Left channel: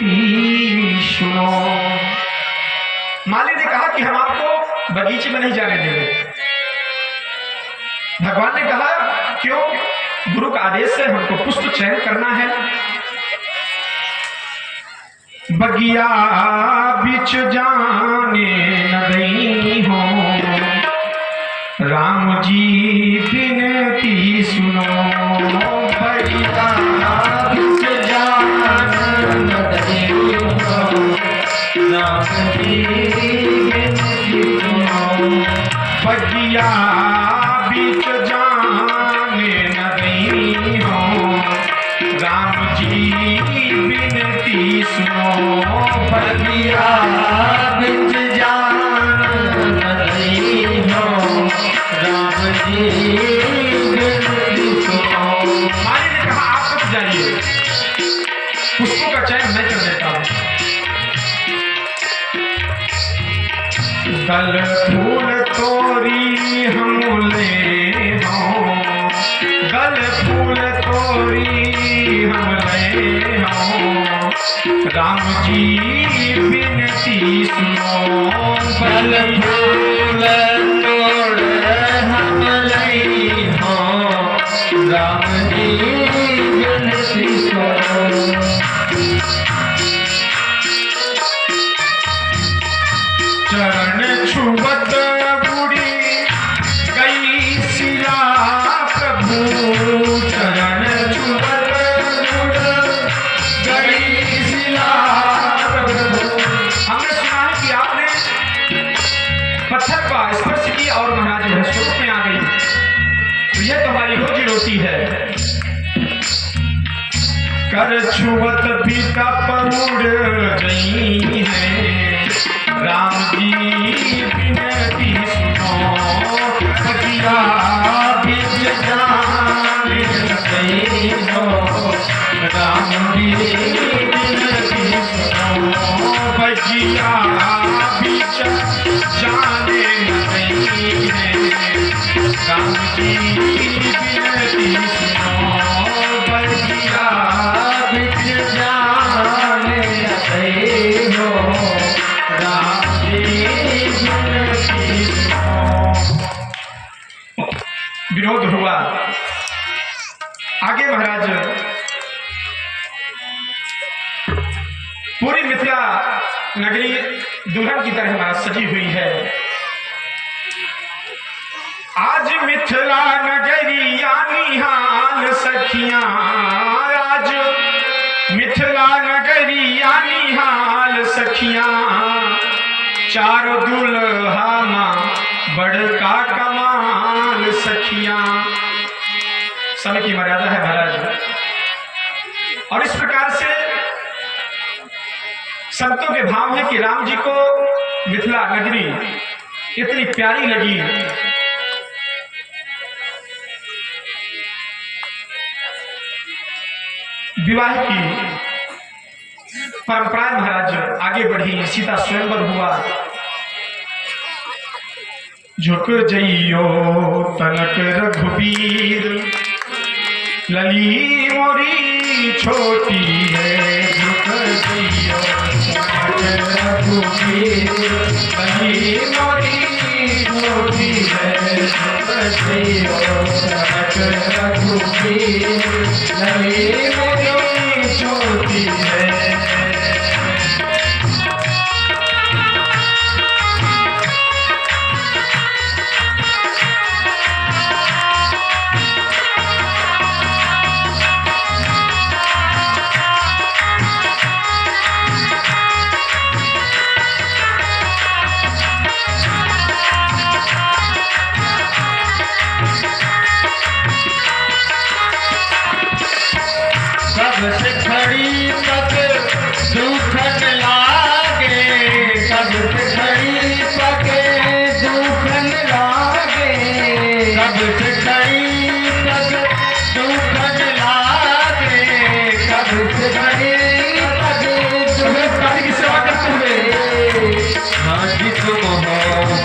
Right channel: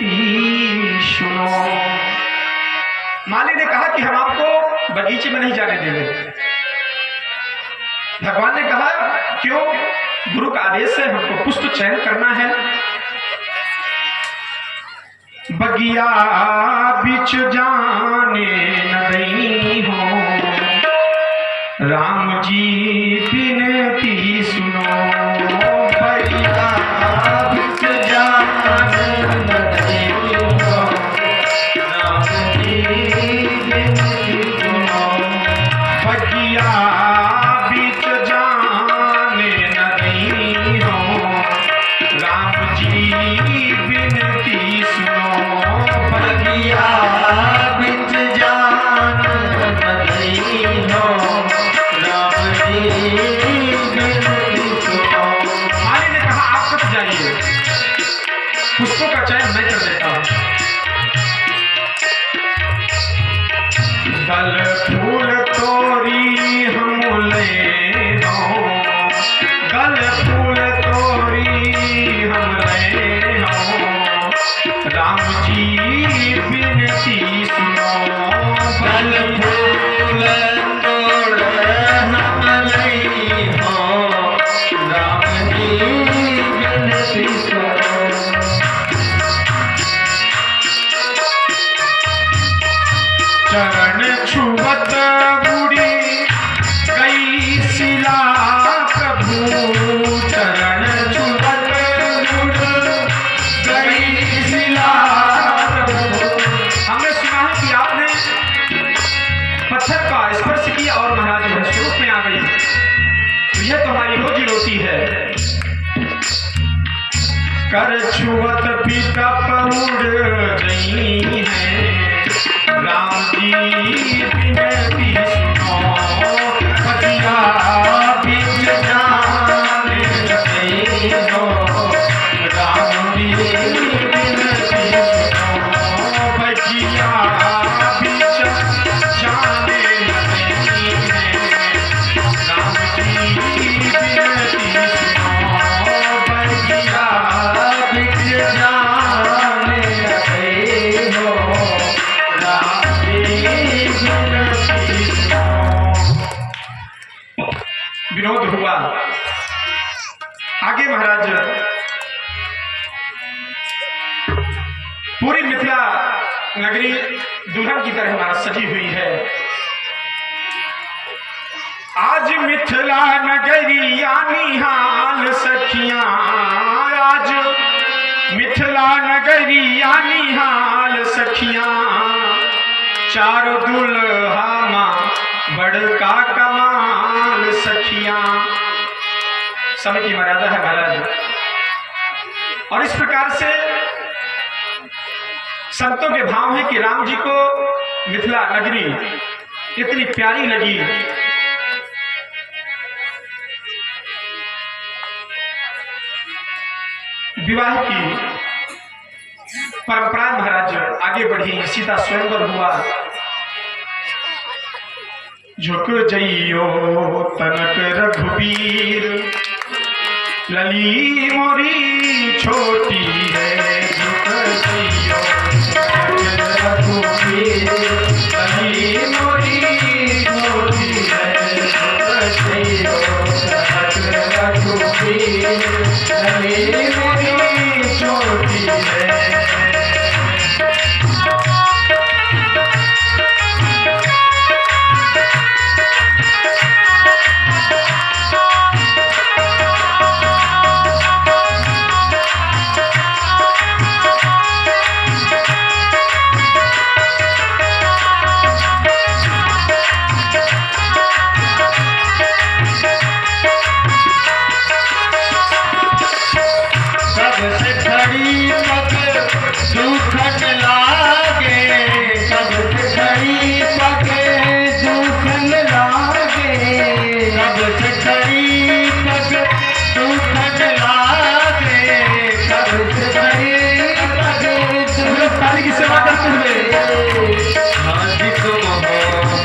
विनती सुनो। माली ने कहा कि हम आपको बगीचे में नहीं जाने देंगे। भगवान ने कहा क्यों? गुरु का आदेश है, हमको पुष्प चयन करना है। बगिया बिच जाने न दई हो, राम जी विनती सुनो। बगिया बिच जाने न दई हो, राम जी विनती सुनो। बगिया बिच जाने न दई हो, राम जी विनती सुनो। बगिया बिच जाने न दई हो, राम जी विनती सुनो। माली ने कहा आप मत जाइए, पुष्पों का चयन मैं कर देता हूँ। दल फूल तोरी हम ले हो, दल फूल तोरी हम ले हो, राम जी विनती सुनो। दल फूल तोड़ हम ले हो, राम जी विनती सुनो। चरण छुवत बुढ़ी गई सिला प्रभु, चरण छुवत गई सिला प्रभु। हमने सुना है कि आपने पत्थर का स्पर्श किया और महाराज वह स्वरूप में आ गई, तो यह तो हमारी रोजी रोटी है। कर छुवत भी तप उड़ गई है, राम जी विनती सुनो। बगिया बिच जाने न दई हो, राम जी विनती सुनो। बगिया बिच जाने न दई है, राम जी विनती सुनो। बगिया बिच जाने न दई हो, विनोद हुआ। आगे महाराज पूरी मिथिला नगरी दुल्हन की तरह महाराज सजी हुई है। आज मिथिला नगरी यानी हाल सखियां, आज मिथिला नगरी यानी हाल सखियां, चारों दुल्हा मां बड़का कमाल सखियां। समय की मर्यादा है महाराज, और इस प्रकार से संतों के भाव है कि राम जी को मिथिला नगरी इतनी प्यारी लगी। विवाह की परंपरा महाराज आगे बढ़ी, सीता स्वयंवर हुआ। झुक जइयो तनक रघुबीर, लली मोरी छोटी है। झुक जइयो तनक रघुबीर, लली मोरी छोटी है। झुक जइयो तनक रघुबीर, लली मोरी छोटी है। सबसे खड़ी पग दुखन लागे, सबसे खड़ी पग दुखन लागे, सबसे खड़ी पग दुखन लागे, सबसे खड़ी पग दुखन की सेवा करते हुए। आज तुम हो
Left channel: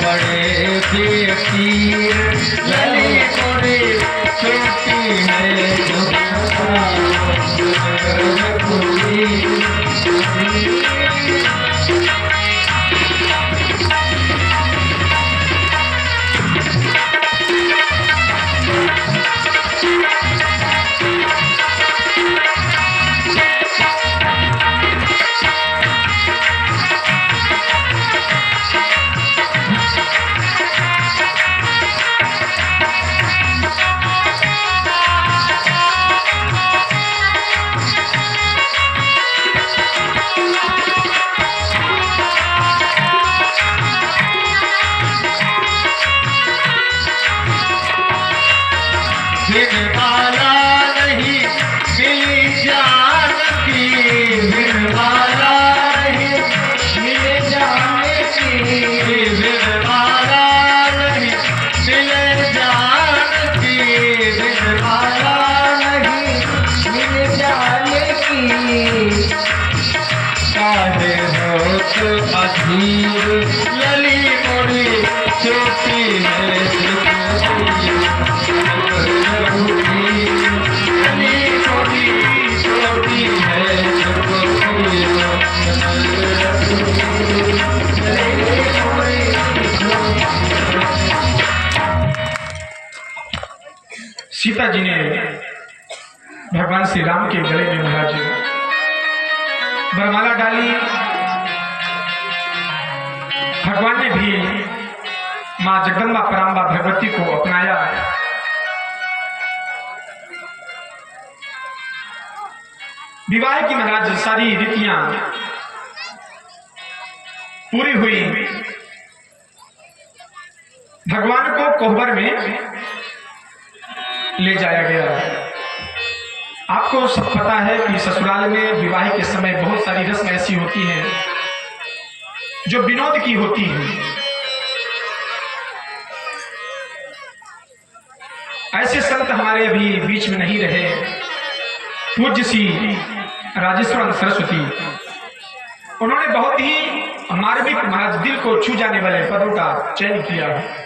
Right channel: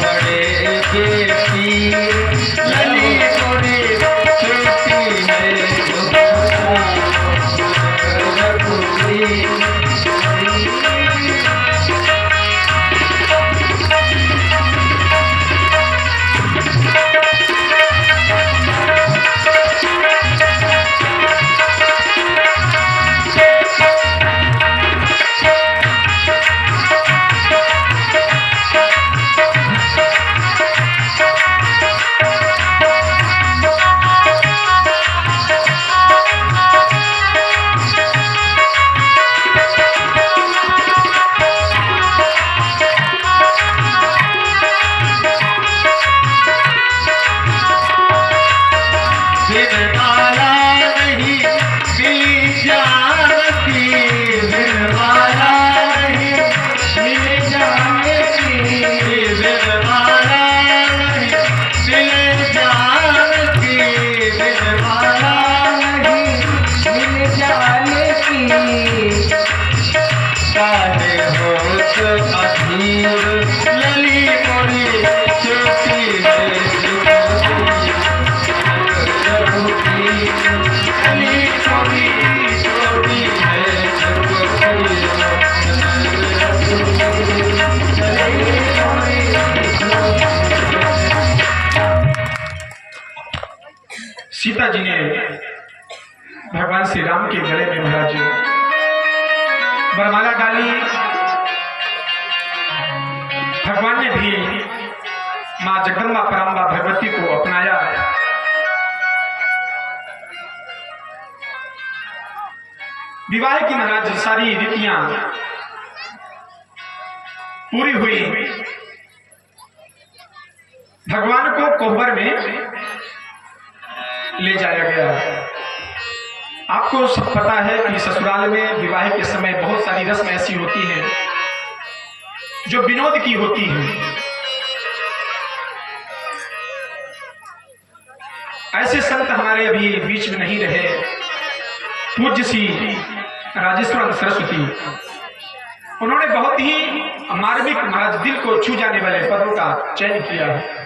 बड़े बेपीर, लली मोरी छोटी है। काहे होत अधीर लली मोरी चोटी है लली मोरी चोटी है सीता जी ने भगवान श्री राम के गले में महाराज वरमाला डाली। भगवान ने भी मां जगदम्बा पराम्बा भगवती को अपनाया। विवाह की महाराज सारी रीतियां पूरी हुई। भगवान को कोहबर में ले जाया गया। आपको सब पता है कि ससुराल में विवाह के समय बहुत सारी रस्म ऐसी होती हैं जो विनोद की होती है। ऐसे संत हमारे अभी बीच में नहीं रहे। पूज्य श्री राजेश्वर सरस्वती, उन्होंने बहुत ही मार्मिक महाराज दिल को छू जाने वाले पदों का चयन किया है।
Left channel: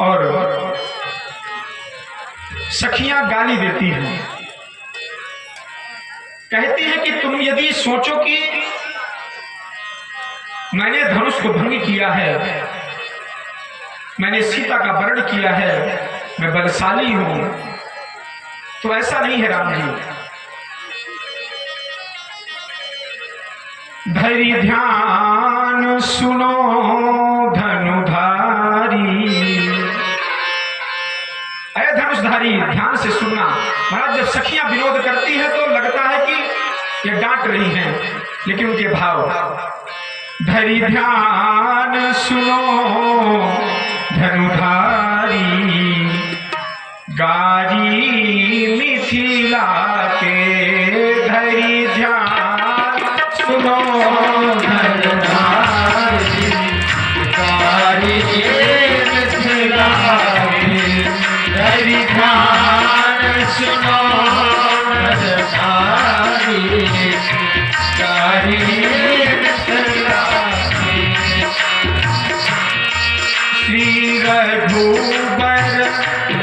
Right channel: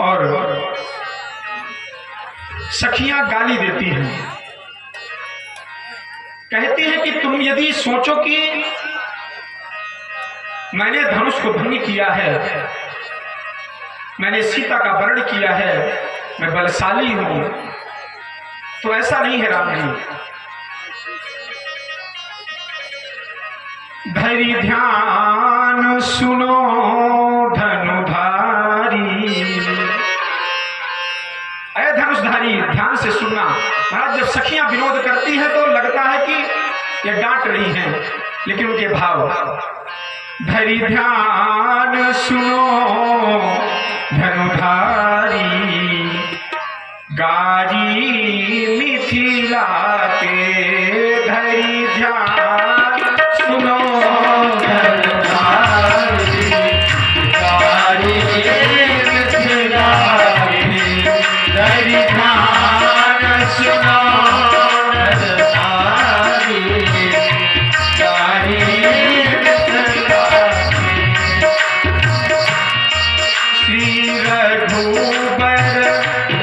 और सखियां गाली देती हैं, कहती हैं कि तुम यदि सोचो कि मैंने धनुष को भंग किया है, मैंने सीता का वरण किया है, मैं बलशाली हूं, तो ऐसा नहीं है राम जी। धैर्य ध्यान सुनो धनुधारी, अरे धनुषधारी ध्यान से सुनना। महाराज जब सखियां विनोद करती हैं तो लगता है कि ये डांट रही हैं, लेकिन उनके भाव धैर्य ध्यान सुनो धनुधारी, गारी मिथिला के धैर्य ध्यान सुनो धनुधारी, गारी मिथिला के धैर्य ध्यान सुनो धनुधारी, गारी मिथिला के। श्री रघुबर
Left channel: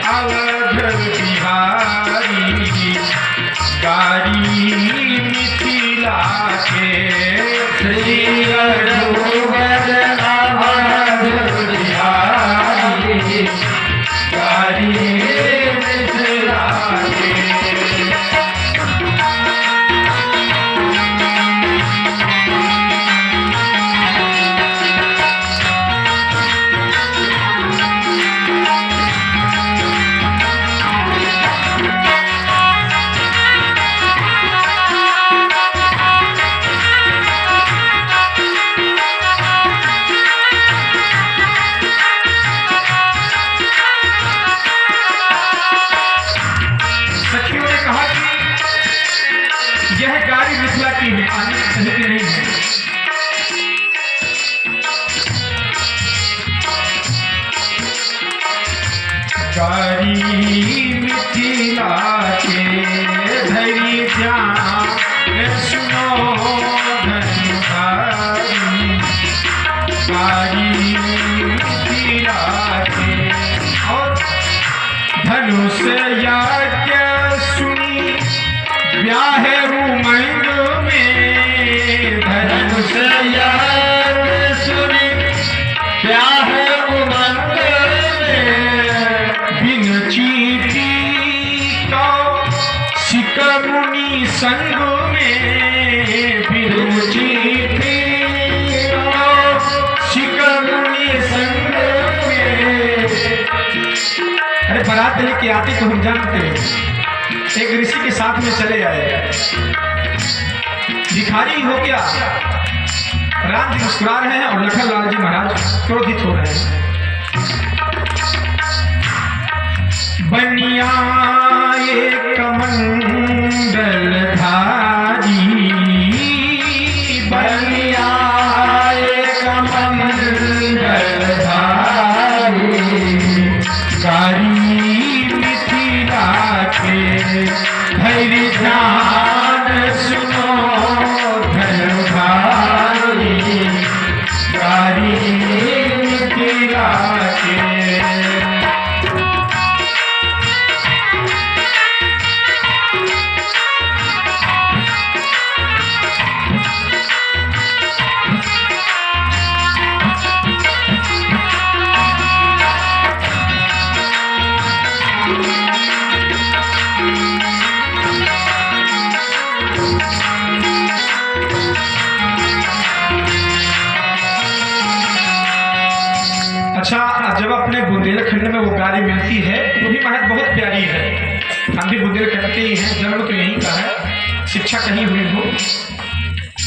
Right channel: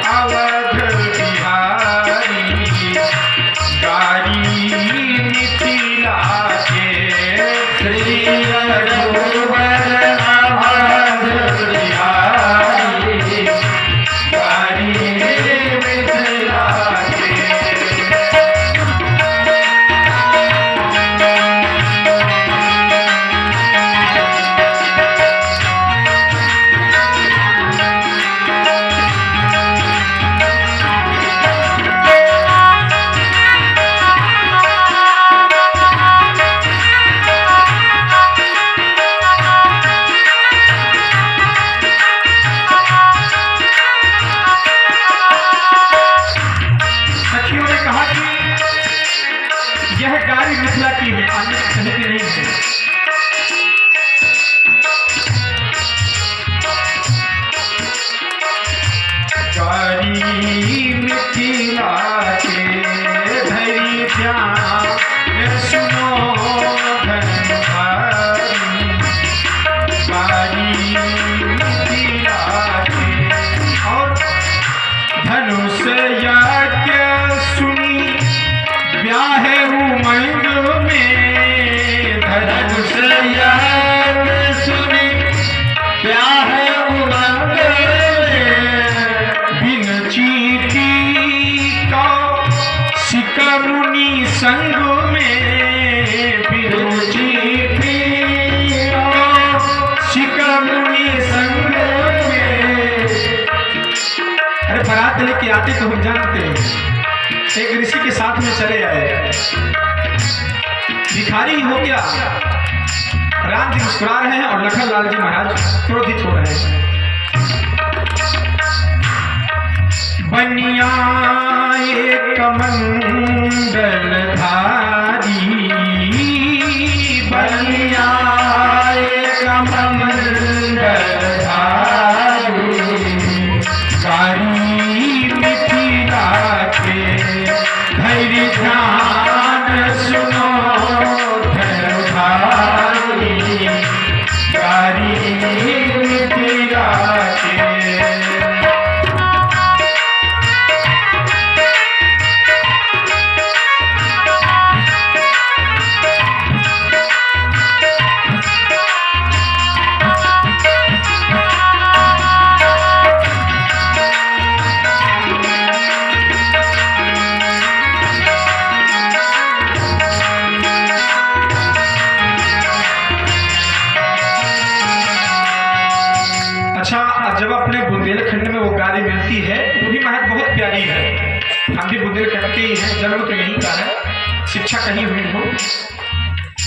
अवध बिहारी, गारी मिथिला के। श्री रघुबर अवध बिहारी, गारी मिथिला के। सखियों ने कहा कि यह गारी मिथिला की है, अन्य कहीं की नहीं है। गारी मिथिला के धैर्य ध्यान सुनो धनुधारी, गारी मिथिला के। और धनुष यज्ञ सुनी ब्याहे उमंग में, धनुष यज्ञ सुनी ब्याहे उमंग में, बिन चीटी का सिक मुनि संग में, बिन चीटी का सिक मुनि संग में। अरे बारात लेके आते तो हम जानते हैं, एक ऋषि के साथ में चले आए। भिखारी हो क्या? राम जी मुस्कुरा रहे हैं और लखन लाल जी महाराज क्रोधित हो रहे हैं। बनिया एक मंगलधारी, बनिया एक मंगलधारी, गारी मिथिला के। कटके ही हैं, जन्म तो यहीं का है, शिक्षा कहीं हुई हो।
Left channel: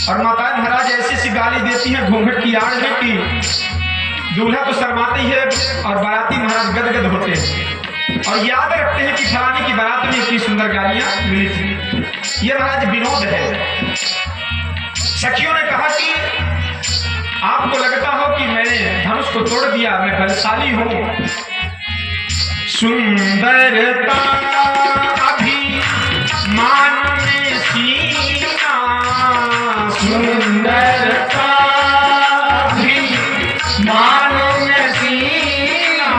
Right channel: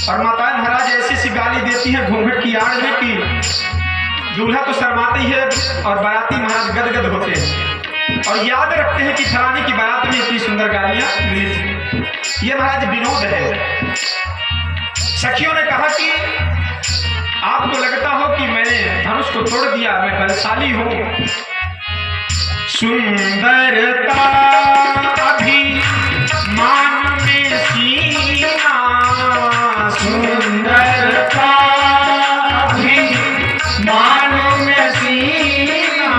और माताएं महाराज ऐसी सी गाली देती हैं घूंघट की आड़ में कि दूल्हा तो शर्माते ही है और बाराती महाराज गदगद होते हैं और याद रखते हैं कि फलाने की बारात में इतनी सुंदर गालियां मिली थी। ये महाराज विनोद है। सखियों ने कहा कि आपको लगता हो कि मैंने धनुष को तोड़ दिया, मैं बलशाली हूं। सुंदरता अभिमान में सीना, सुंदरता अभिमान में सीना।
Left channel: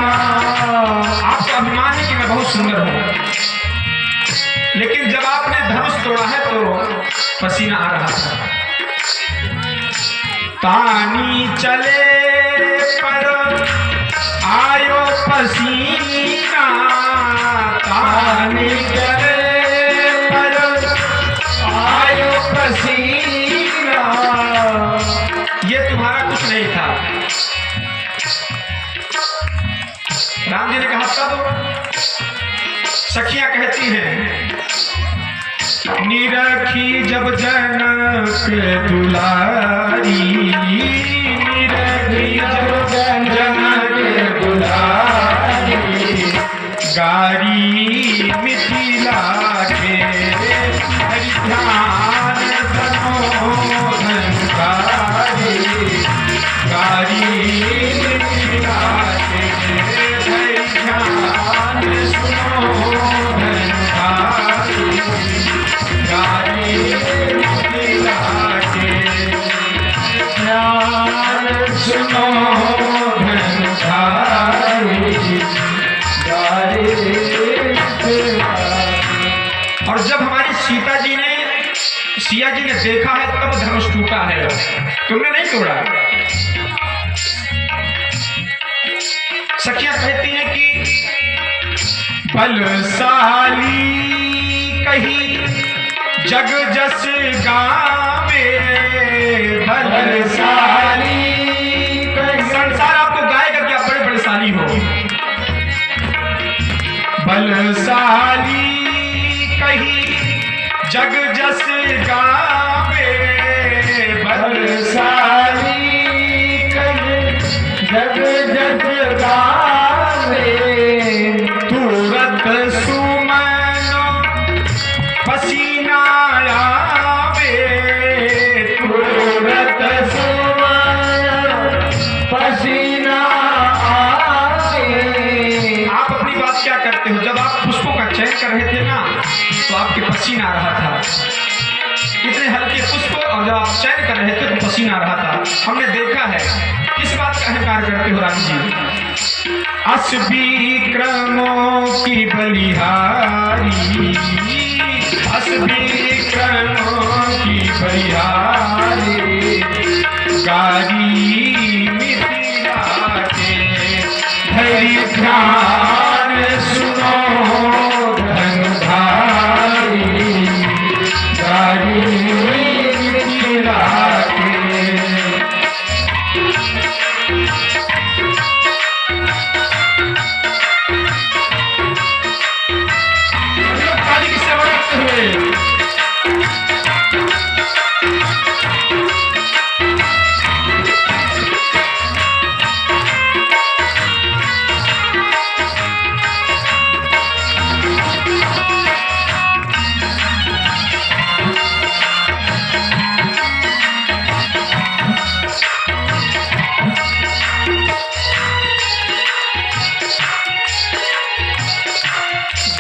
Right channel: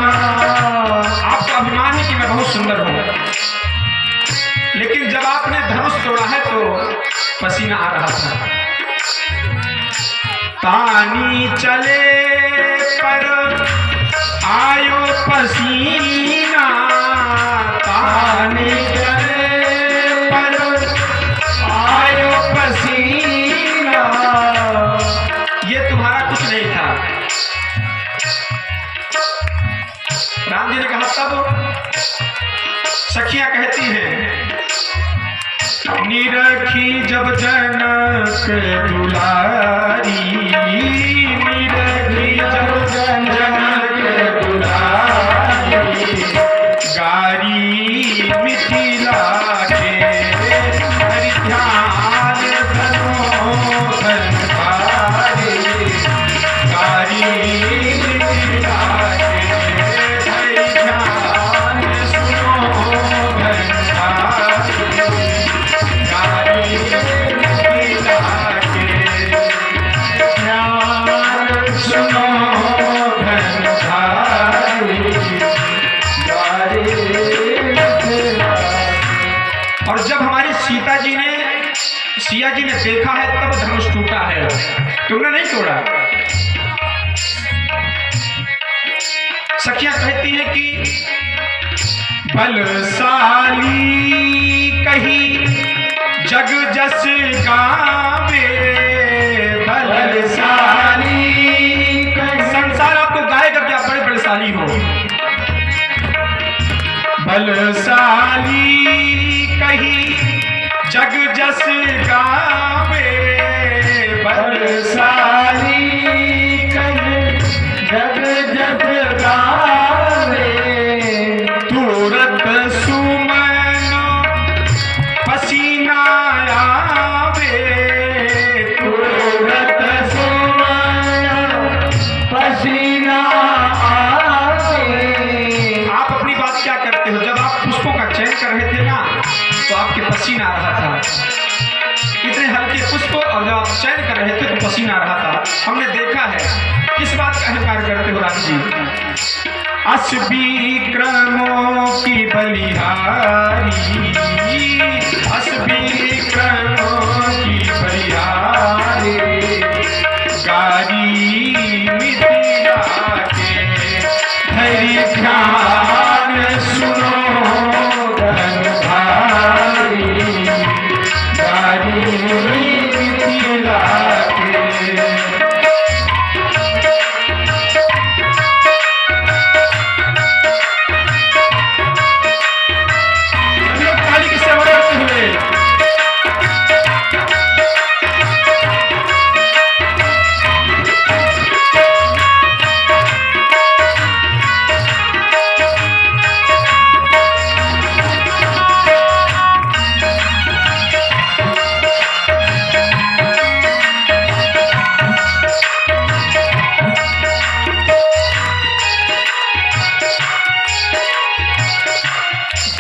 आपका अभिमान है कि मैं बहुत सुंदर हूं, लेकिन जब आपने धनुष तोड़ा है तो पसीना आ रहा था। तानी चले पर आयो पसीना, तानी चले पर आयो पसीना। ये तुम्हारा कुछ नहीं था। राम जी ने कहा तब सखियां कहती हैं, निरखी जब जनक दुलारी, निरखी जब जनक दुलारी। गारी मिथिला के हरि ध्यान धनोधन गारी। गारी मिथिला के हरि ध्यान सुनो धन गारी। गारी मिथिला के ध्यान सुनो धन गारी। और जब हमारी सीता जी ने, सिया जी ने देखा है तब धनुष टूटा है, तुमने नहीं तोड़ा। सखियां कहती हैं कि बलशाली कही जग जस गावे, बलशाली संसार आपको गाएगा कि आप बड़े बलशाली हो। बलशाली कही जग जस गावे, बलशाली कही जग जग गावे। तुरत सुमनो पसीना आवे, तुरत सुमन पसीना आवे। आप अपनी बात क्या करते हो? जब आप पुष्पों का चयन कर रहे थे ना तो आपके पसीना आ रहा था, इतने हल्के पुष्प, और जब आप चयन कर रहे थे तो पसीना आ रहा था। हमने देखा है। किस बात का अहंकार करते हो राम जी? अस विक्रमों की बलिहारी, अस विक्रमों की बलिहारी। गारी मिथिला के हरि ध्यान सुनो धन भारी। गारी मिथिला के। काली की सेवा करते हुए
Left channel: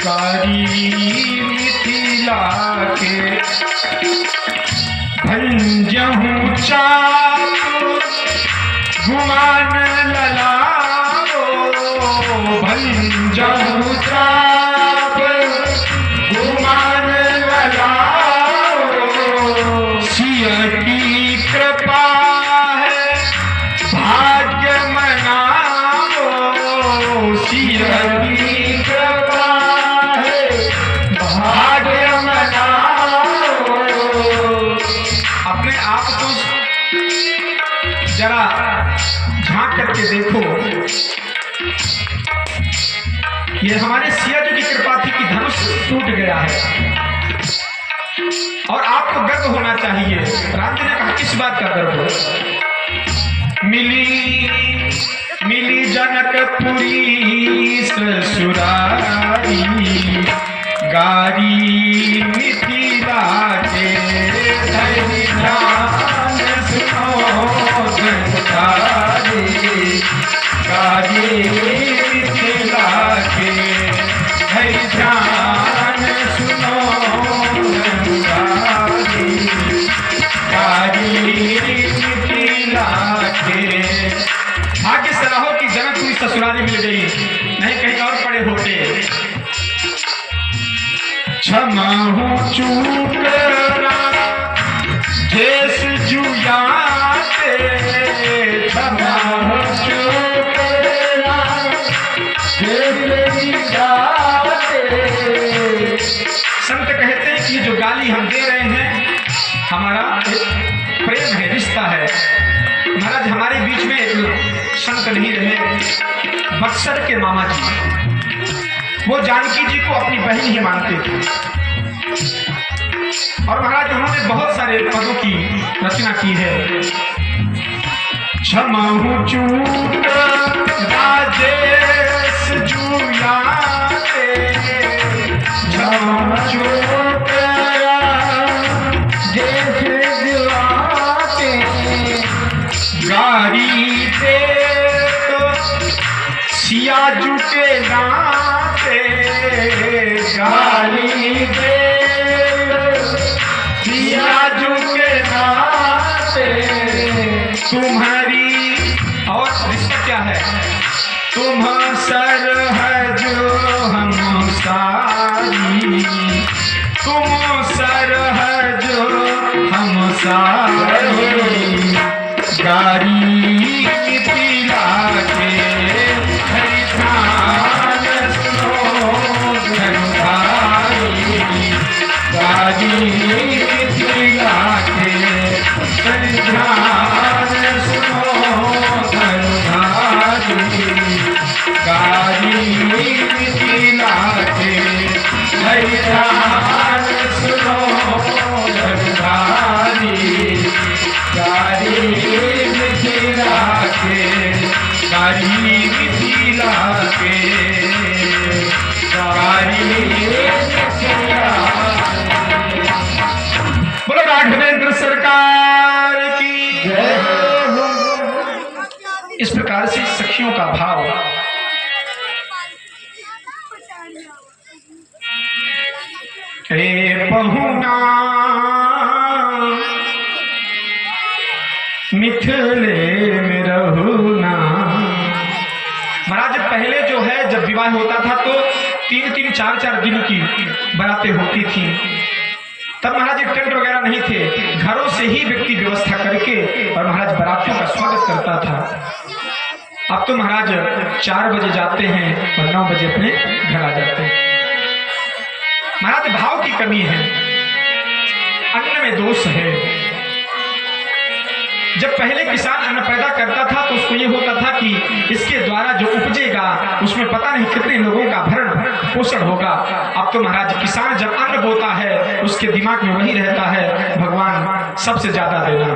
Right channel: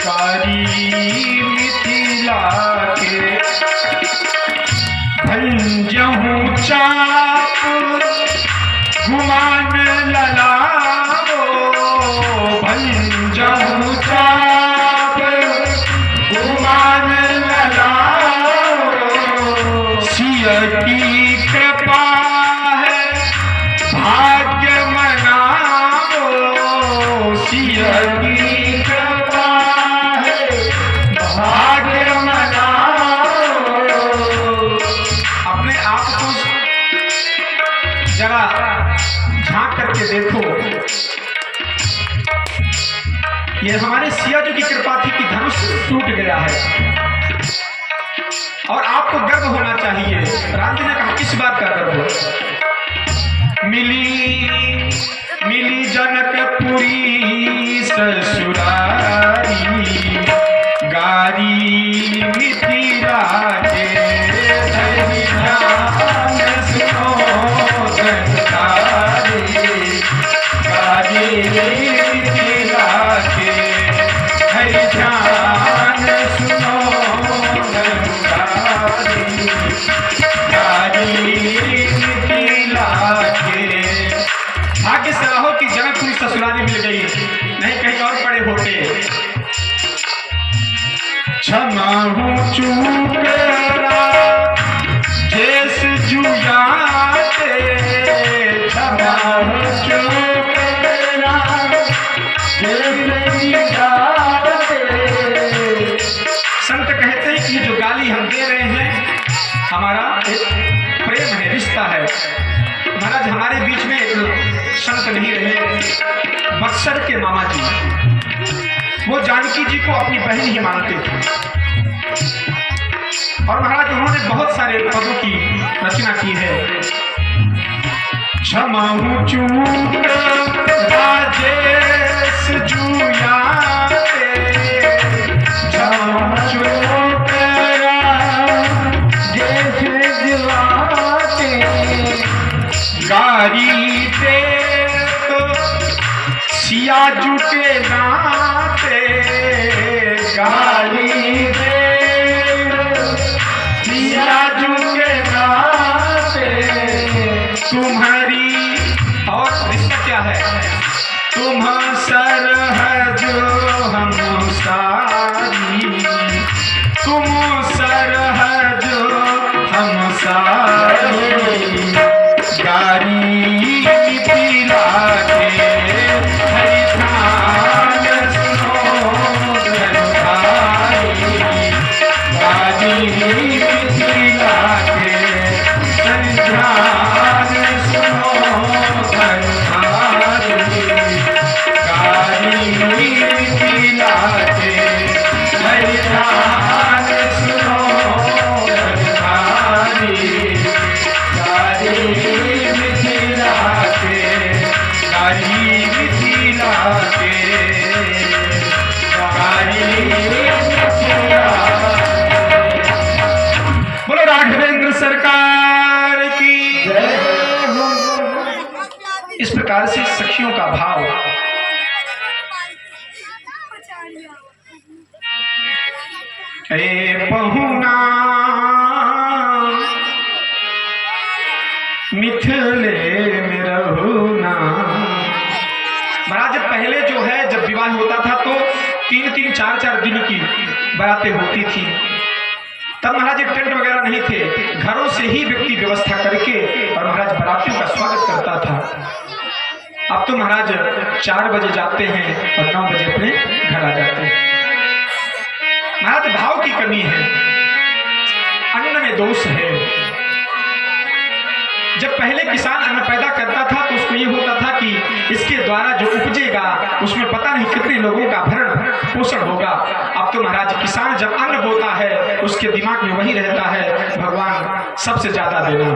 गारी मिथिला के भंजहूँ चाप गुमान ललाओ, भंजहूँ चाप गुमान लगाओ। सिया की कृपा है भाग्य मनाओ, सिया की कृपा है भाग्य मनाओ। अपने आप को जरा झांक करके देखो। ये हमारे सिया जी की कृपा थी कि धनुष टूट गया है और आपको गर्व होना चाहिए। राम जी ने कहा किस बात का गर्व हो? मिली जनकपुरी ससुरारी, गारी मिथिला के धरि ध्यान सुनो जनकारी, गारी मिथिला के धरि ध्यान सुनो जनकारी, गारी मिथिला के। भाग्य से रहो कि जनकपुरी ससुराली मिल गई, नहीं कहीं और पड़े होते। क्षमा हूँ चूक जेस जुयाते, क्षमा हूँ चूक संत कहते हैं कि जो गाली हम दे रहे हैं हमारा एक प्रेम है, रिश्ता है। महाराज हमारे बीच में एक संत नहीं रहे, बक्सर के मामा जी, वो जानकी जी को अपनी बहन ही मानते थे और महाराज उन्होंने बहुत सारे पदों की रचना की है। क्षमा हूँ चूक राजेश जुयाते, क्षमा चूक राजेश जुयाते, गारी दे तो सियाजू के नाते, गाली दे सियाजू के नाते, तुम्हारी और रिश्ता क्या है? तुम सर है जो हम सारी, तुम सर है जो हम सारी, गारी मिथिला के धरि ध्यान सुनो जनकारी, गारी मिथिला के धरि ध्यान सुनो जनकारी, गारी मिथिला के धरि ध्यान सुनो जनकारी, गारी मिथिला के, गारी मिथिला के, गारी मिथिला। बोलो राघवेंद्र सरकार की जय। इस प्रकार से सखियों का भाव हे पहुना मिथिले में रहूना। महाराज पहले जो है जब विवाह होता था तो 3-3, 4-4 दिन की बारातें होती थी। तब महाराज टेंट वगैरह नहीं थे, घरों से ही व्यक्ति व्यवस्था करके और महाराज बारातियों का स्वागत करता था। अब तो महाराज 4 बजे जाते हैं और 9 बजे अपने घर आ जाते हैं। महाराज भाव की कमी है, अन्न में दोष है। जब पहले किसान अन्न पैदा करता था तो उसको ये होता था कि इसके द्वारा जो उपजेगा उसमें पता नहीं कितने लोगों का भरण पोषण होगा। अब तो महाराज किसान जब अन्न बोता है उसके दिमाग में वही रहता है, भगवान सबसे ज्यादा देना,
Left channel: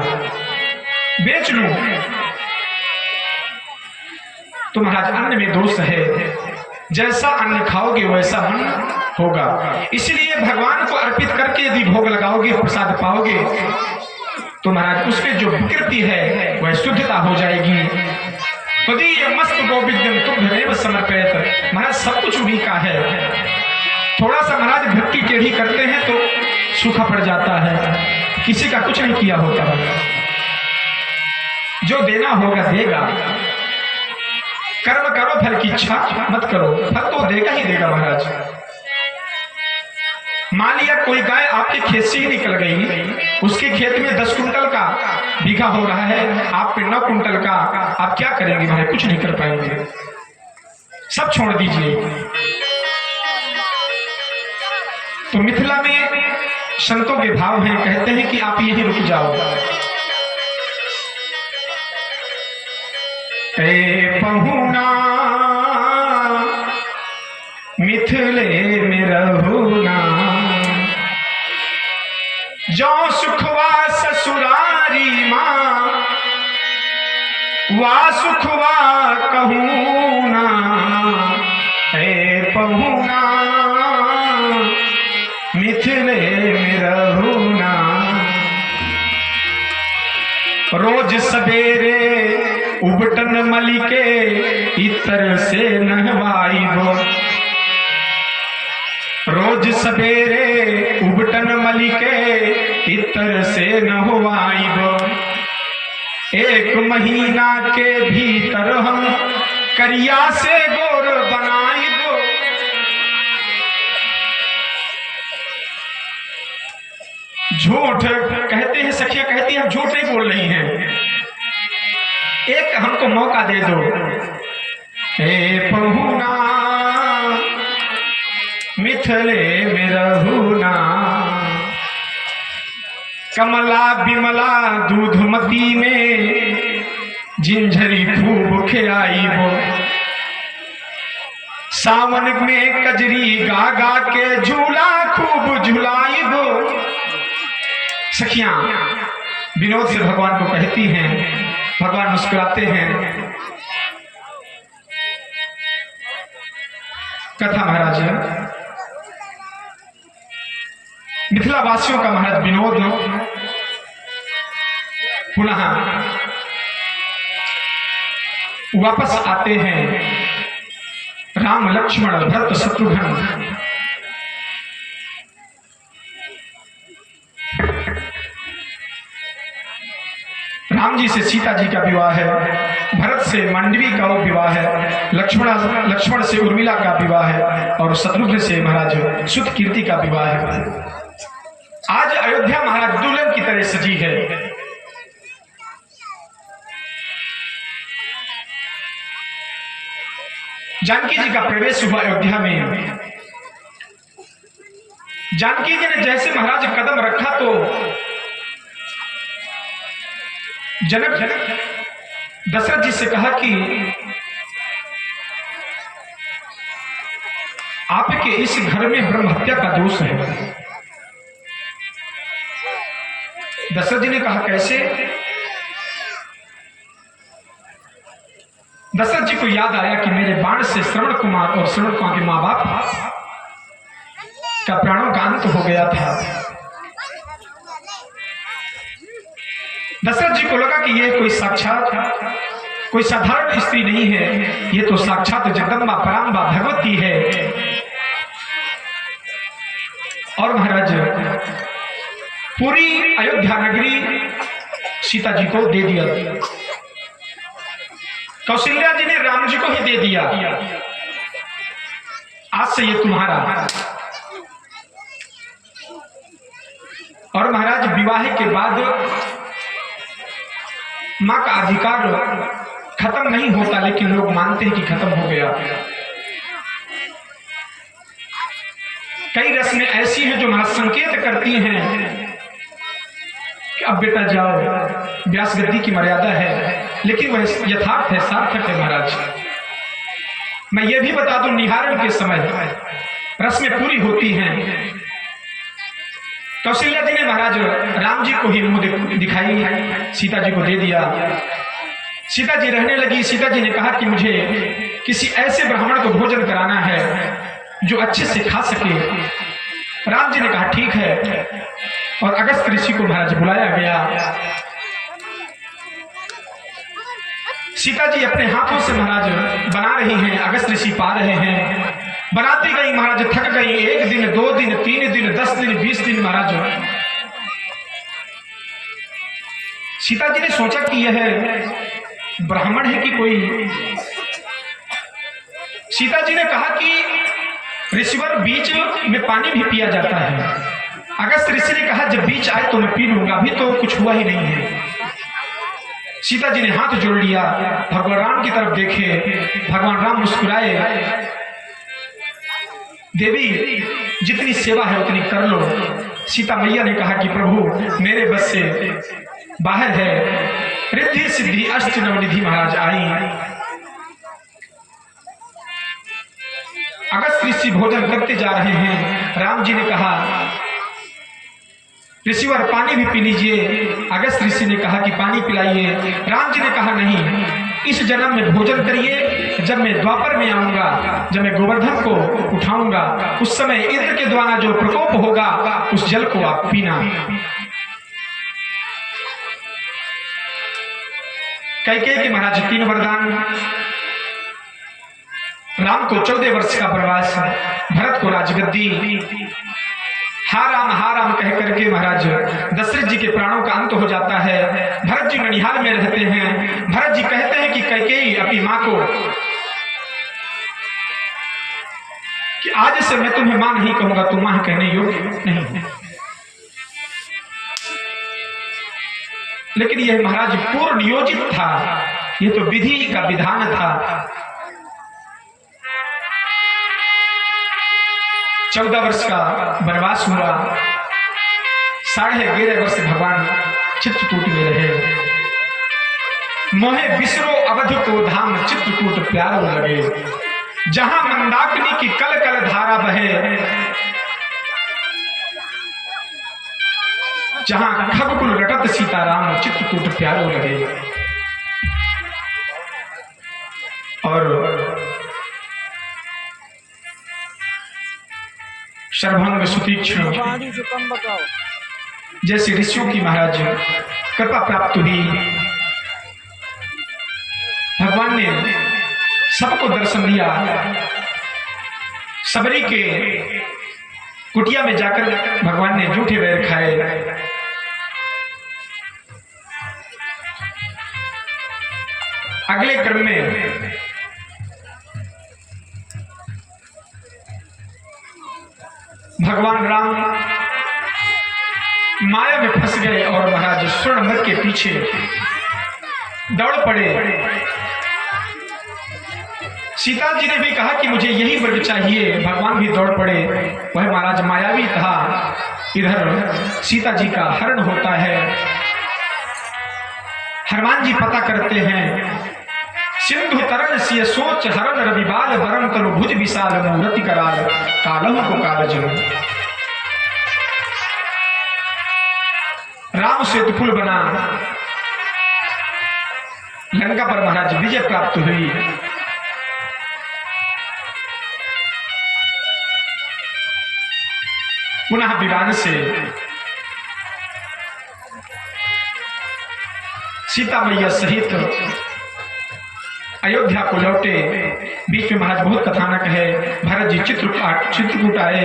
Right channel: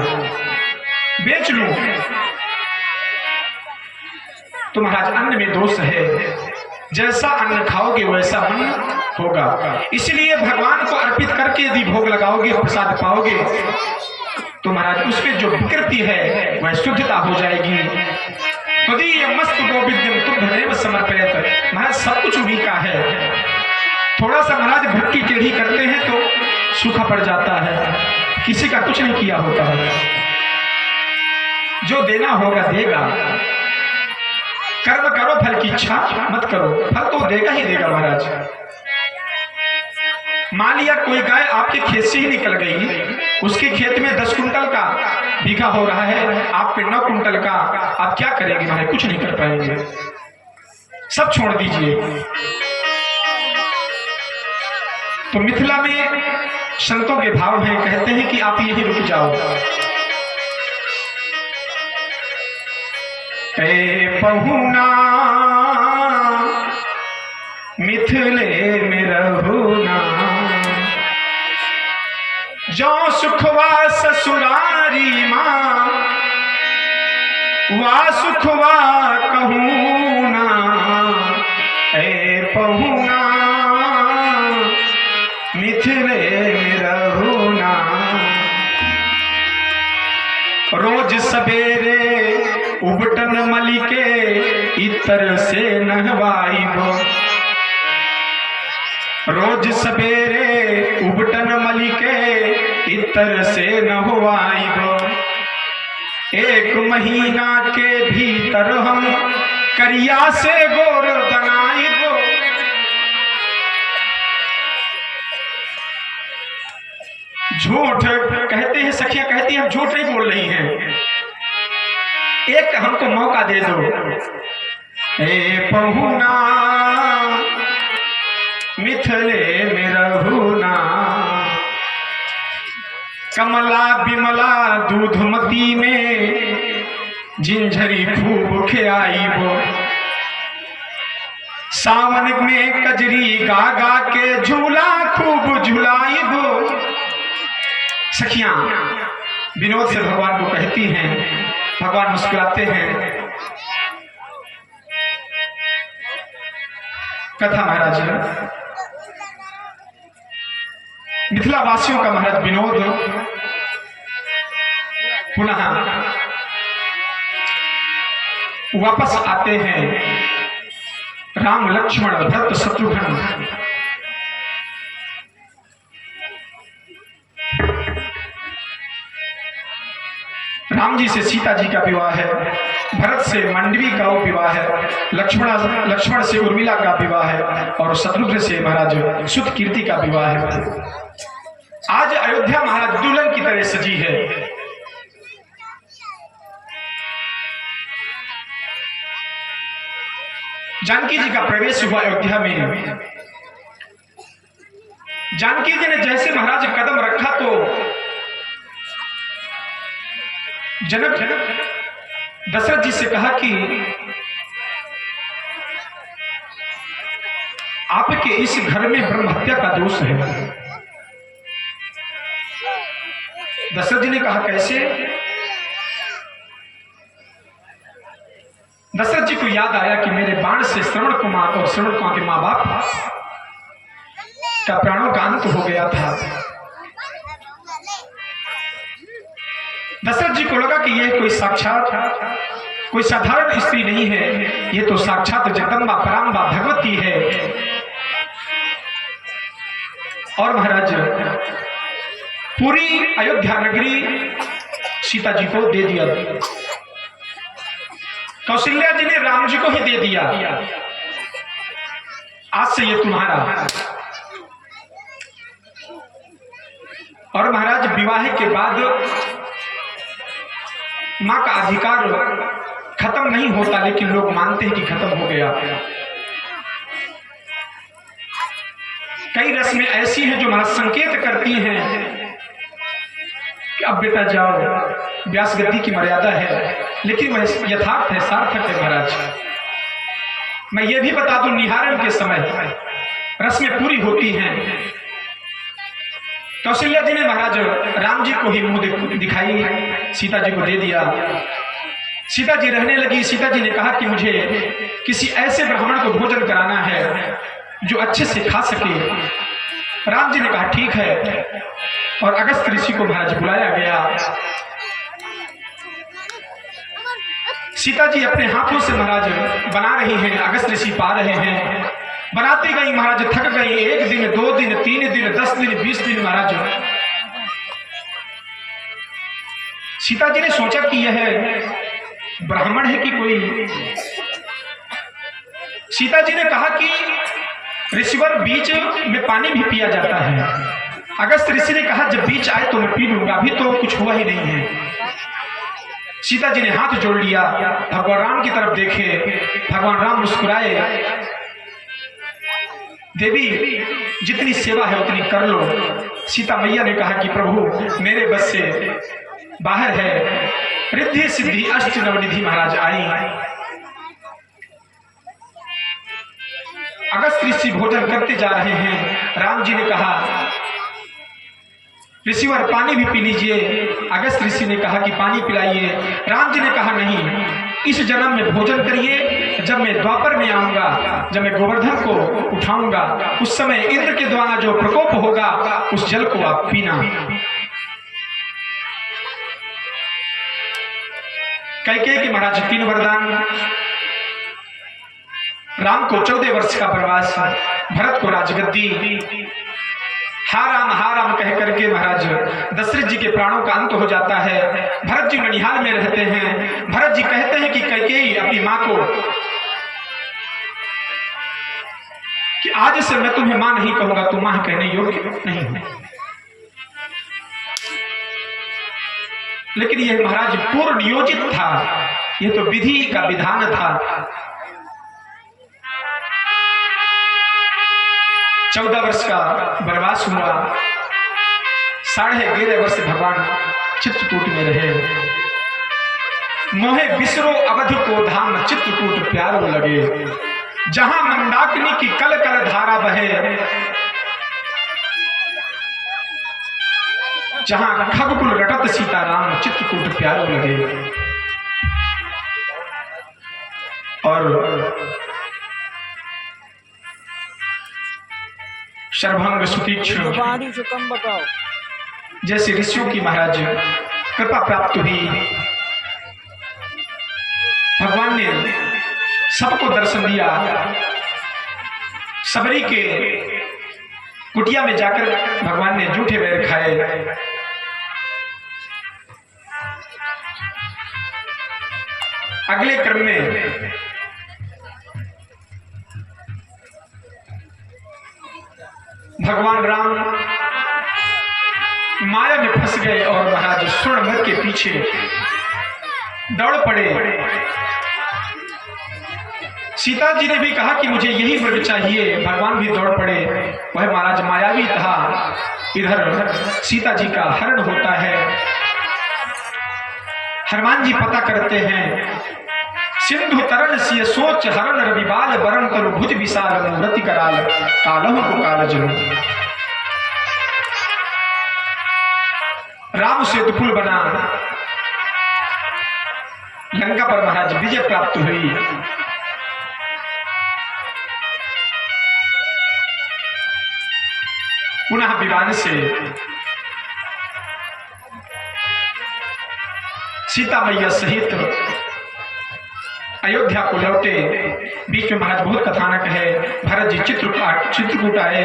बेच लूं। तो महाराज अन्न में दोष है, जैसा अन्न खाओगे वैसा मन होगा। इसलिए भगवान को अर्पित करके यदि भोग लगाओगे, प्रसाद पाओगे, तो महाराज उसमें जो विकृति है वह शुद्धता हो जाएगी। तो ये मस्त गोविंदम तुभ्यमेव समर्पयत। महाराज सब कुछ उन्हीं का है। थोड़ा सा महाराज भक्ति टेढ़ी करते हैं तो सूखा पड़ जाता है, किसी का कुछ नहीं किया होता है। जो देना होगा देगा, कर्म करो फल की इच्छा मत करो, फल तो देगा ही देगा महाराज। मान लिया कोई गाय आपके खेत से ही निकल गई, उसके खेत में 10 कुंटल का बीघा हो रहा है, आप पे 9 कुंटल का, आप क्या करेंगे महाराज? कुछ नहीं कर पाएंगे, सब छोड़ दीजिए। तो मिथिला में संतों के भाव हैं, कहते हैं कि आप यही रुक जाओ। ए पहुना मिथिले में रहो ना। जो सुखवा ससुरारी माँ वा सुखवा कहूँ ना, है पहुना मिथिले में रहूना। रोज सवेरे उबटन मलिके इतर से नहवाइबो। रोज सवेरे उबटन मलिके इतर से नहवाइबो। एक महीना के भीतर हम करिया से गोर बनाइबो। झूठ कहते हैं सखियां, कहती हैं हम झूठ नहीं बोल रही हैं, एक हमको मौका दे दो। ए पहुना मिथिले में रहूना। कमला बिमला दूधमती में जिंझरी खूब खियाइबो। सावन में कजरी गा गा के झूला खूब झुलाइबो। सखियां विनोद से भगवान को कहती हैं, भगवान मुस्कुराते हैं। कथा महाराज मिथिला वासियों का महाराज विनोद पुनः वापस आते हैं। राम लक्ष्मण भरत शत्रुघ्न राम जी से सीता जी का विवाह है, भरत से मंडवी का विवाह है, लक्ष्मण से उर्मिला का विवाह है और शत्रुघ्न से महाराज सुत कीर्ति का विवाह है। आज अयोध्या महाराज दुल्हन की तरह सजी है। जानकी जी का प्रवेश हुआ अयोध्या में। जानकी जी ने जैसे महाराज कदम रखा तो जनक दशरथ जी से कहा कि आपके इस घर में ब्रह्म हत्या का दोष है। दशरथ जी ने कहा कैसे? दशरथ जी को याद आया कि मेरे बाण से श्रवण कुमार और श्रवण कुमार के मां बाप का प्राणों का अंत हो गया था। दशरथ जी को लगा कि यह कोई साक्षात कोई साधारण स्त्री नहीं है, ये तो साक्षात जगदम्बा पराम्बा भगवती है। और महाराज पूरी अयोध्या नगरी सीता जी को दे दिया। कौशल्या जी ने राम जी को ही दे दिया। आज से ये तुम्हारा। और महाराज विवाह के बाद मां का अधिकार खत्म नहीं होता, लेकिन लोग मानते हैं कि खत्म हो गया। कई रस्में ऐसी हैं जो महाराज संकेत करती हैं कि अब बेटा जाओ, व्यास गद्दी की मर्यादा है, लेकिन वह यथार्थ है, सार्थक है। महाराज मैं ये भी बता दूं, निहारण के समय रस्में पूरी होती हैं। कौशल्या जी ने महाराज राम जी को ही मुंह दिखाई, सीता जी को दे दिया। सीता जी रहने लगी। सीता जी ने कहा कि मुझे किसी ऐसे ब्राह्मण को भोजन कराना है जो अच्छे से खा सके। राम जी ने कहा ठीक है, और अगस्त ऋषि को महाराज बुलाया गया। सीता जी अपने हाथों से महाराज बना रही हैं, अगस्त ऋषि पा रहे हैं। बनाती गई महाराज, थक गई। 1 दिन 2 दिन 3 दिन 10 दिन 20 दिन महाराज। सीता जी ने सोचा कि यह ब्राह्मण है कि कोई। सीता जी ने कहा कि ऋषिवर बीच में पानी भी पिया जाता है। अगस्त ऋषि ने कहा जब बीच आए तो मैं पी लूंगा, अभी तो कुछ हुआ ही नहीं है। सीता जी ने हाथ जोड़ लिया, भगवान राम की तरफ देखे। भगवान राम मुस्कुराए। देवी जितनी सेवा है उतनी कर लो। सीता मैया ने कहा कि प्रभु मेरे बस से बाहर है। रिद्धि सिद्धि अष्ट नवनिधि महाराज आई। अगस्त ऋषि भोजन करते जा रहे हैं। राम जी ने कहा ऋषिवर पानी भी पी लीजिए। अगस्त ऋषि ने कहा कि पानी पिलाइए। राम जी ने कहा नहीं, इस जन्म में भोजन करिए, जब मैं द्वापर में आऊंगा, जब मैं गोवर्धन को उठाऊंगा, उस समय इंद्र के द्वारा जो प्रकोप होगा उस जल को आप पीना। कैकेयी के महाराज 3 वरदान, राम को 14 वर्ष का वनवास, भरत को राजगद्दी। हा राम कह करके महाराज दशरथ जी के प्राणों का अंत हो जाता है। भरत जी ननिहाल में रहते हैं। भरत जी कहते हैं कि कैकेयी अपनी मां को कि आज से मैं तुम्हें मां नहीं कहूंगा, तुम मां कहने योग्य नहीं है। लेकिन यह महाराज पूर्ण नियोजित था, यह तो विधि का विधान था। 14 वर्ष का वनवास हुआ। 11.5 वर्ष भगवान चित्रकूट में रहे। मोहे बिसरो अवध को धाम, चित्रकूट प्यारो लगे। जहां मंदाकिनी की कल कल धारा बहे, जहां खगकुल रटत सीताराम, चित्रकूट प्यारो लगे। और सर्वभंग सुतीक्ष्ण जैसे ऋषियों की महाराज कृपा प्राप्त हुई। भगवान ने सबको दर्शन दिया। सबरी के कुटिया में जाकर भगवान ने जूठे बैर खाए। अगले क्रम में भगवान राम माया में फंस गए और महाराज स्वर्ण मृग के पीछे दौड़ पड़े। सीता जी ने भी कहा कि मुझे यही मृग चाहिए। भगवान भी दौड़ पड़े। वह महाराज मायावी था। इधर सीता जी का हरण होता है। हनुमान जी पता करते हैं। सिंधु तरण सिय सोच हरण रविबाल, वरण करु भुज विशाल मूर्ति कराल, कालों को काल जलो। राम से दुफुल बना। लंका पर महाराज विजय प्राप्त हुई। पुनः विमान से सीता मैया सहित अयोध्या को लौटे। बीच में महाराज बहुत कथानक है। भरत जी चित्रकूट आए,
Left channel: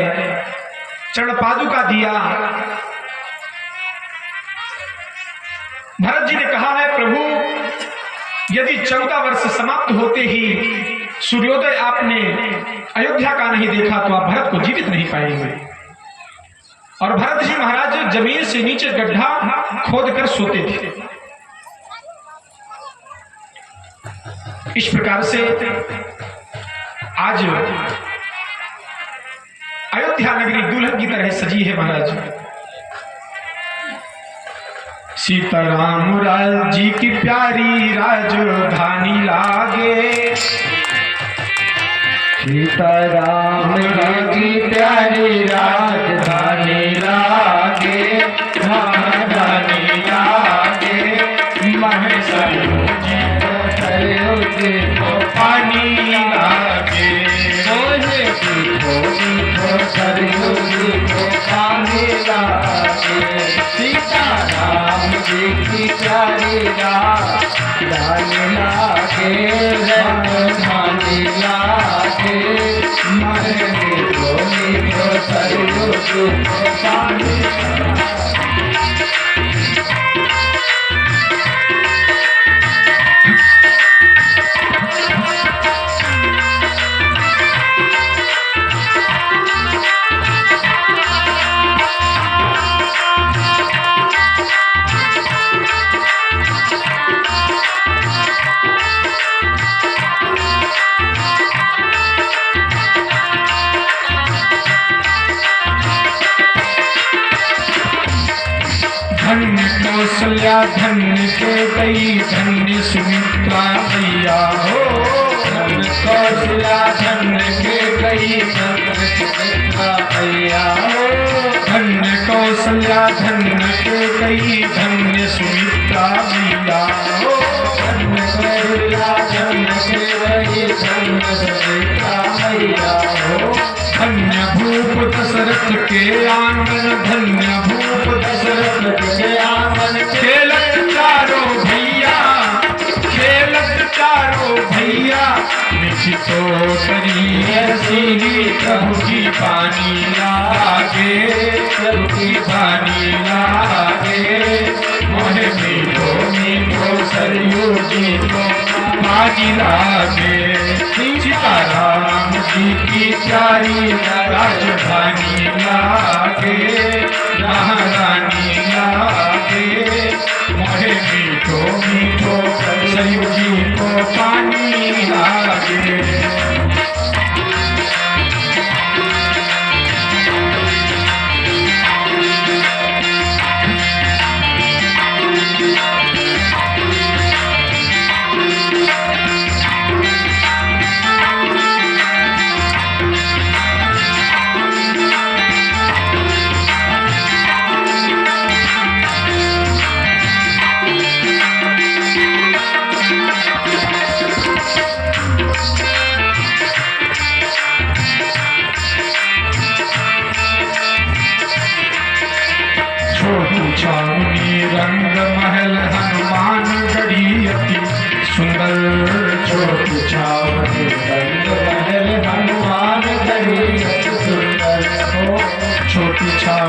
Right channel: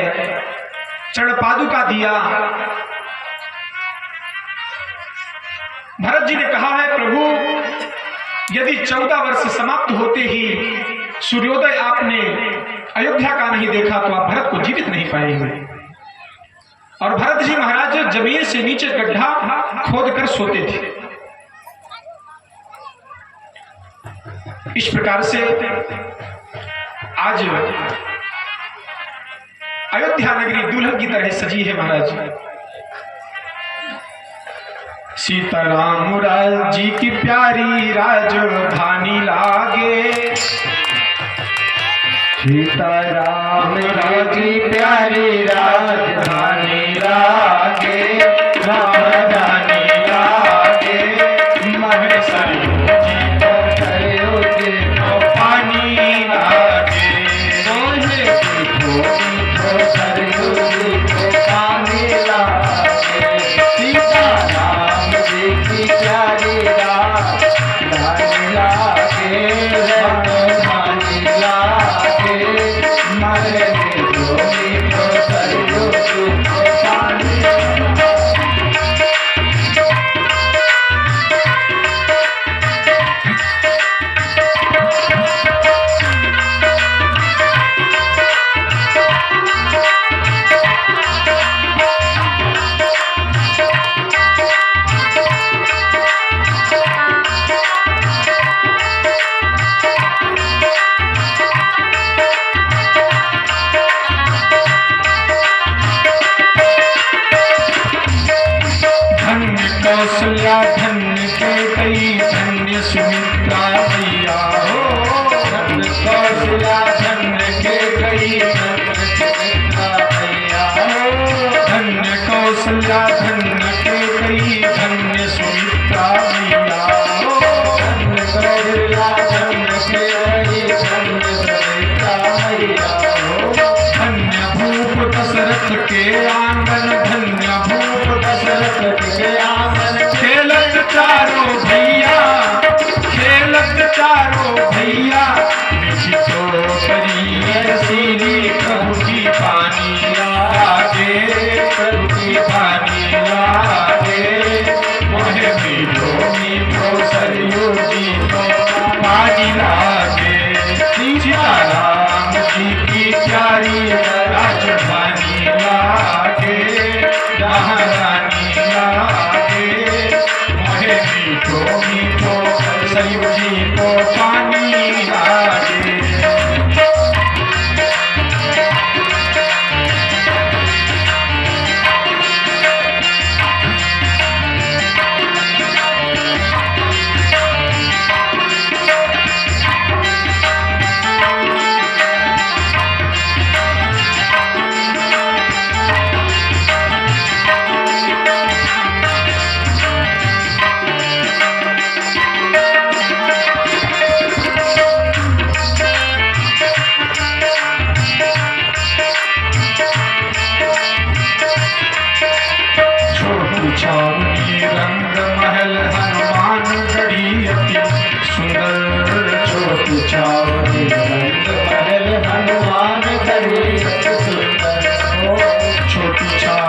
चरण पादुका दिया। भरत जी ने कहा है प्रभु, यदि 14 वर्ष समाप्त होते ही सूर्योदय आपने अयोध्या का नहीं देखा तो आप भरत को जीवित नहीं पाएंगे। और भरत जी महाराज जमीन से नीचे गड्ढा खोद कर सोते थे। इस प्रकार से आज अयोध्या नगरी दुल्हन की तरह सजी है महाराज। सीताराम राज जी की प्यारी राजधानी लागे। सीताराम राज की प्यारी राजधानी लागे, राजधानी लागे। महेश पानी लागे, रोजे पानी लागे। सीताराम जी की प्यारी राजधानी लागे, राजधानी लागे। मरे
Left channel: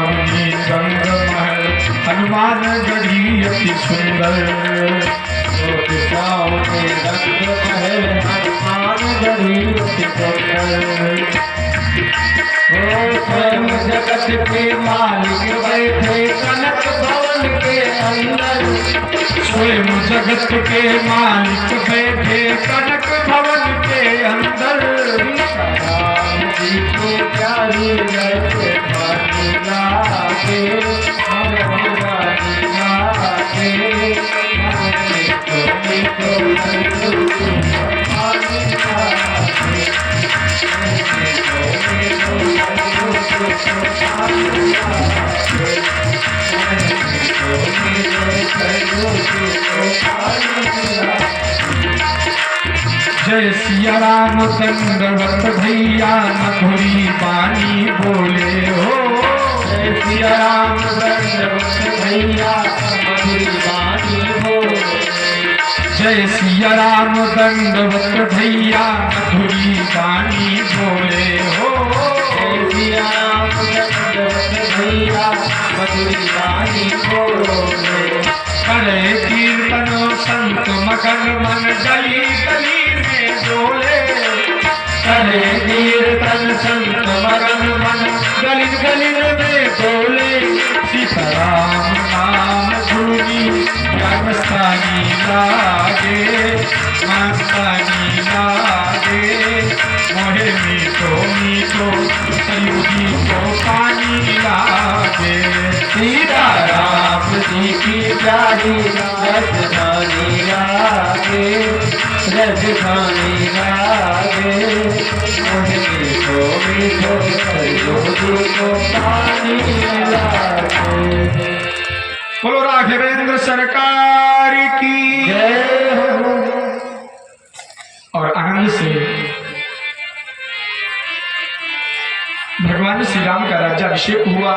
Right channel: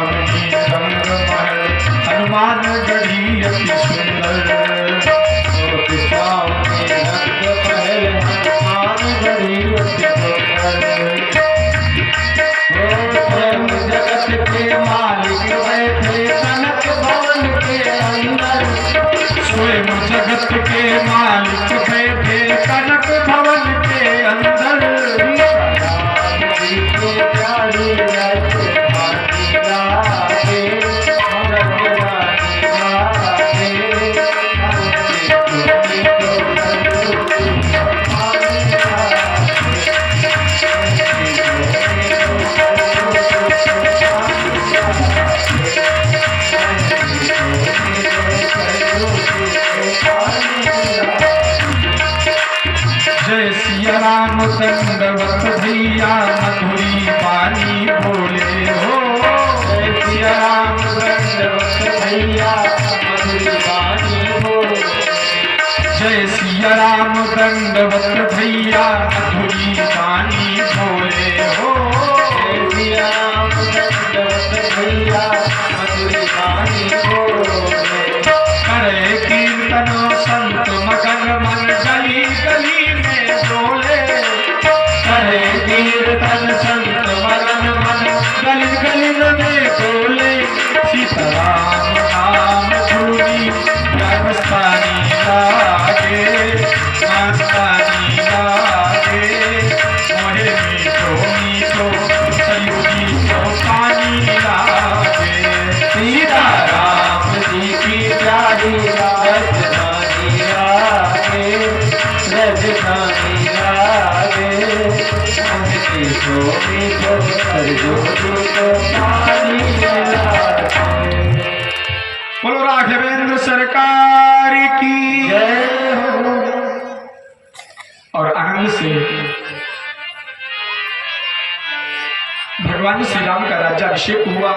श्यामनी रंग महल हनुमान गढ़ी अति सुंदर। मोती श्यामनी रंग महल हनुमान गढ़ी अति सुंदर। स्वयं जगत के मालिक बैठे कनक भवन के अंदर। स्वयं जगत के मालिक बैठे कनक भवन के अंदर। राम जी को प्यारी रहते भानी लागे, भगवानी लागे, भगवानी को भानी जय सिया राम दंडवत भैया मधुरी वाणी बोले हो। जय सिया राम दंडवत भैया मधुरी वाणी बोले। जय सिया राम दंडवत भैया मधुरी वाणी बोले हो। जय सिया राम दंडवत भैया मधुरी वाणी बोले। करे कीर्तन संत मगन मन गली गली में डोले। करे कीर्तन संत मगन मन गली गली में डोले। सीताराम नाम धूनी जन्मस्थानी लागे, मास्तानी लागे। मोहे मीठो मीठो सयुगी को पानी लागे। सीताराम जी की प्यारी राजधानी लागे, राजधानी लागे। मोहनी को मीठो सरजू को पानी लागे। बोलो राघवेंद्र सरकार की जय हो। और आनंद से भगवान श्री राम का राज्याभिषेक हुआ।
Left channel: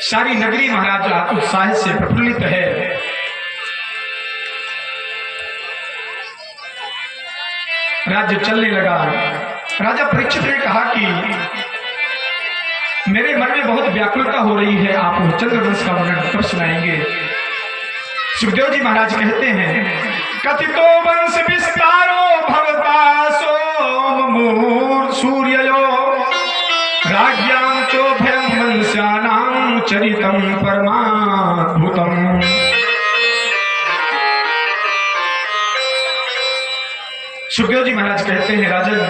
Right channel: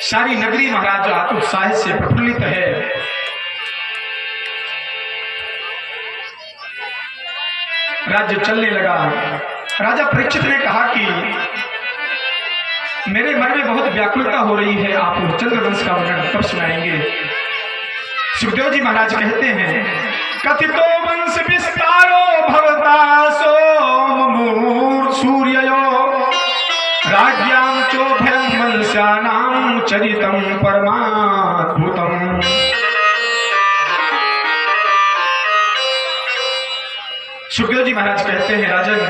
सारी नगरी महाराज उत्साह से प्रफुल्लित है। राज्य चलने लगा। राजा परीक्षित ने कहा कि मेरे मन में बहुत व्याकुलता हो रही है, आप चंद्रवंश का वर्णन कब सुनाएंगे। सुखदेव जी महाराज कहते हैं, कथितो वंश विस्तारो भवता सोममूर् सूर्ययो राज्ञां चोभयं वंशानां चरितं परमाद्भुतम्। सुखदेव जी महाराज कहते हैं, राजन